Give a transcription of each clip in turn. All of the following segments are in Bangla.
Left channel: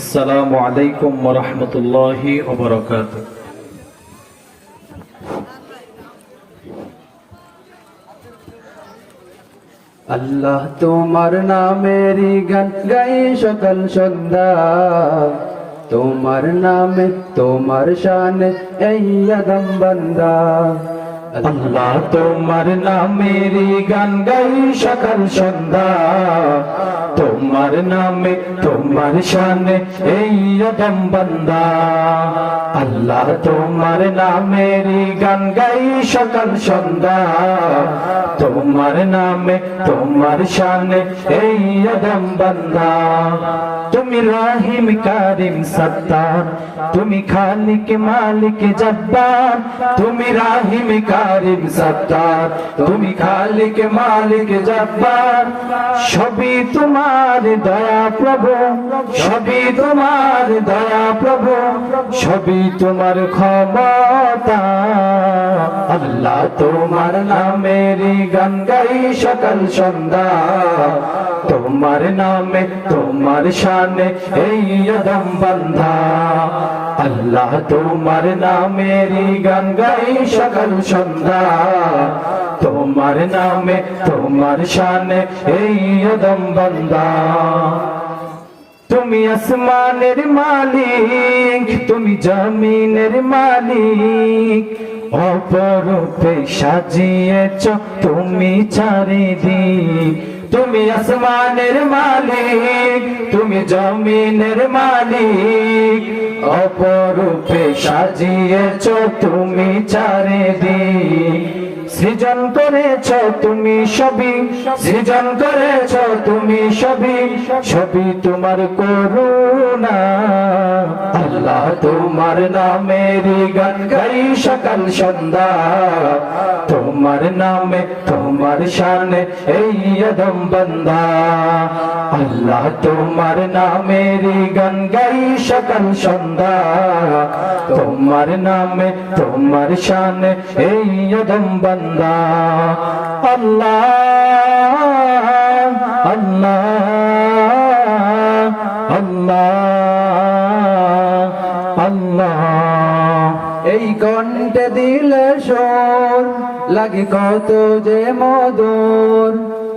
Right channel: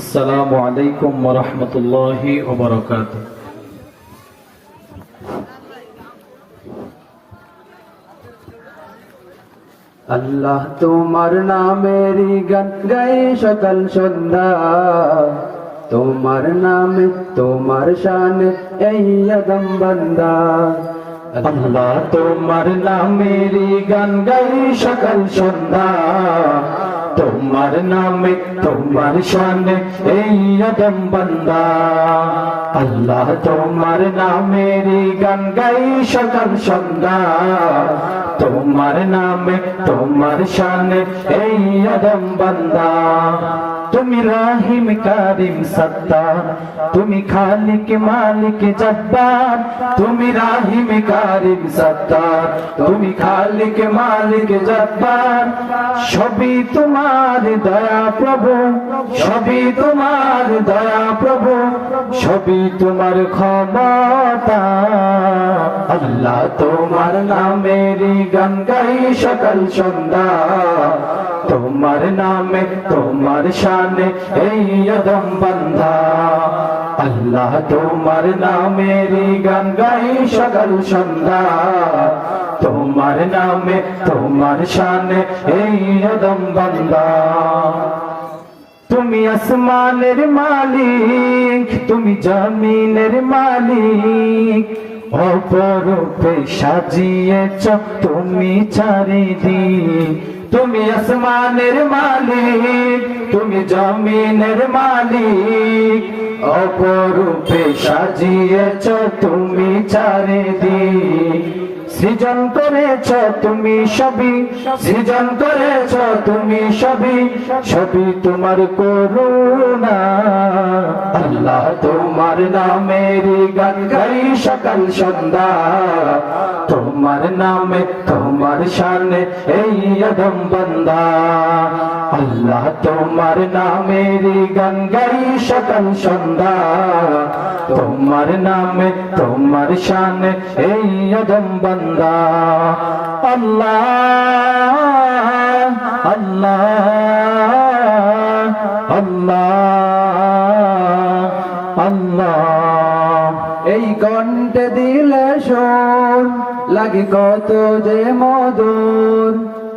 আসসালামু আলাইকুম ওয়া রাহমাতুল্লাহি ওয়া বারাকাতুহু। আল্লাহ তোমার নামেরই গান গাই সকাল সন্ধ্যা, তোমার নামে তোমার শানে এই আদম বান্দা। আল্লাহ তোমার নামেরই গান গাই সকাল সন্ধ্যা, তোমার নামে তোমার শানে এই আদম বান্দা। আল্লাহ তোমার নামেরই গান গাই সকাল সন্ধ্যা, তোমার নামে তোমার শানে এই আদম বান্দা। তুমি রাহিম কারিম সত্তার, তুমি খালিক মালিক জব্বার। তুমি রাহিম কারিম সত্তার, তুমি খালিক মালিক জব্বার। সবই তোমার দয়া প্রভু, সবই তোমার দয়া প্রভু, সবই তোমার ক্ষমতা। আল্লাহ তোমার নামেরই গান গাই সকাল সন্ধ্যা, তোমার নামে তোমার শানে এই আদম বান্দা। আল্লাহ তোমার নামেরই গান গাই সকাল সন্ধ্যা, তোমার নামে তোমার শানে এই আদম বান্দা। তুমি আসমানের মালিক, তুমি জমিনের মালিক, অপরূপে সাজিয়েছ তুমি চারিদিক। তুমি আসমানের মালিক, তুমি জমিনের মালিক, অপরূপে সাজিয়েছ তুমি চারিদিক। সৃজন করেছ তুমি সবই, সৃজন করেছ তুমি সবই, সবই তোমার করুণা। আল্লাহ তোমার নামেরই গান গাই সকাল সন্ধ্যা, তোমার নামে তোমার শানে এই আদম বান্দা। আল্লাহ তোমার নামেরই গান গাই সকাল সন্ধ্যা, তোমার নামে তোমার শানে এই আদম বান্দা। আল্লাহ আল্লাহ আল্লাহ আল্লাহ। এই কণ্ঠে দিলে সুর লাগে কত যে মধুর,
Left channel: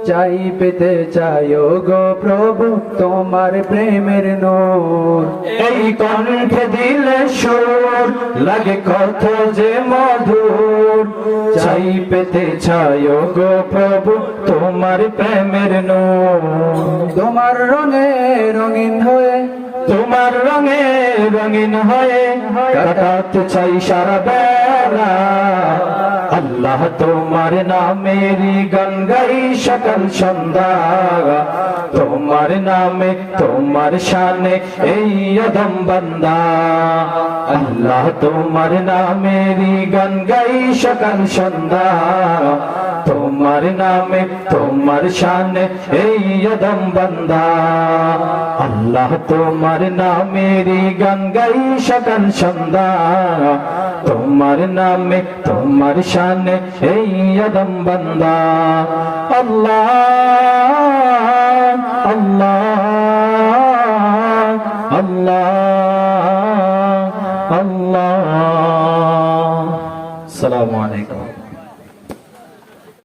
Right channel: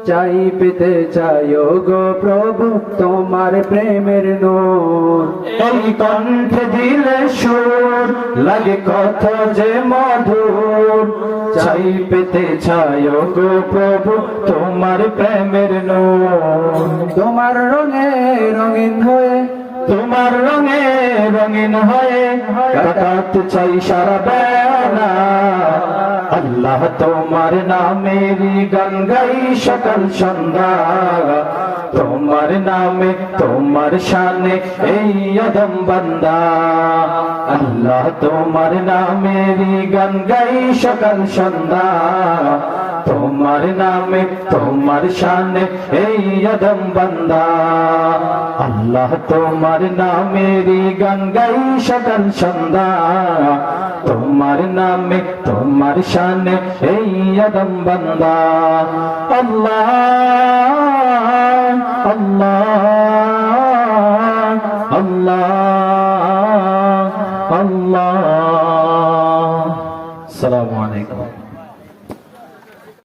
চাই পেতে চাইও গো প্রভু তোমার প্রেমের নূর। এই কণ্ঠে দিলে সুর লাগে কত যে মধুর, চাই পেতে চাই গো প্রভু তোমার প্রেমের নূর। তোমার রঙে রঙিন হয়ে, তোমার রঙে রঙিন হয়ে কাটাতে চাই সারা বেলা। আল্লাহ তোমার নামেরই গান গাই সকাল সন্ধ্যা, তোমার নামে তোমার শানে এই আদম বান্দা। আল্লাহ তোমার নামেরই গান গাই সকাল সন্ধ্যা, তোমার নামে তোমার শানে এই আদম বান্দা। আল্লাহ তোমার নামেরই গান গাই সকাল সন্ধ্যা, তোমার নামে তোমার শানে এই আদম বান্দা। আল্লাহ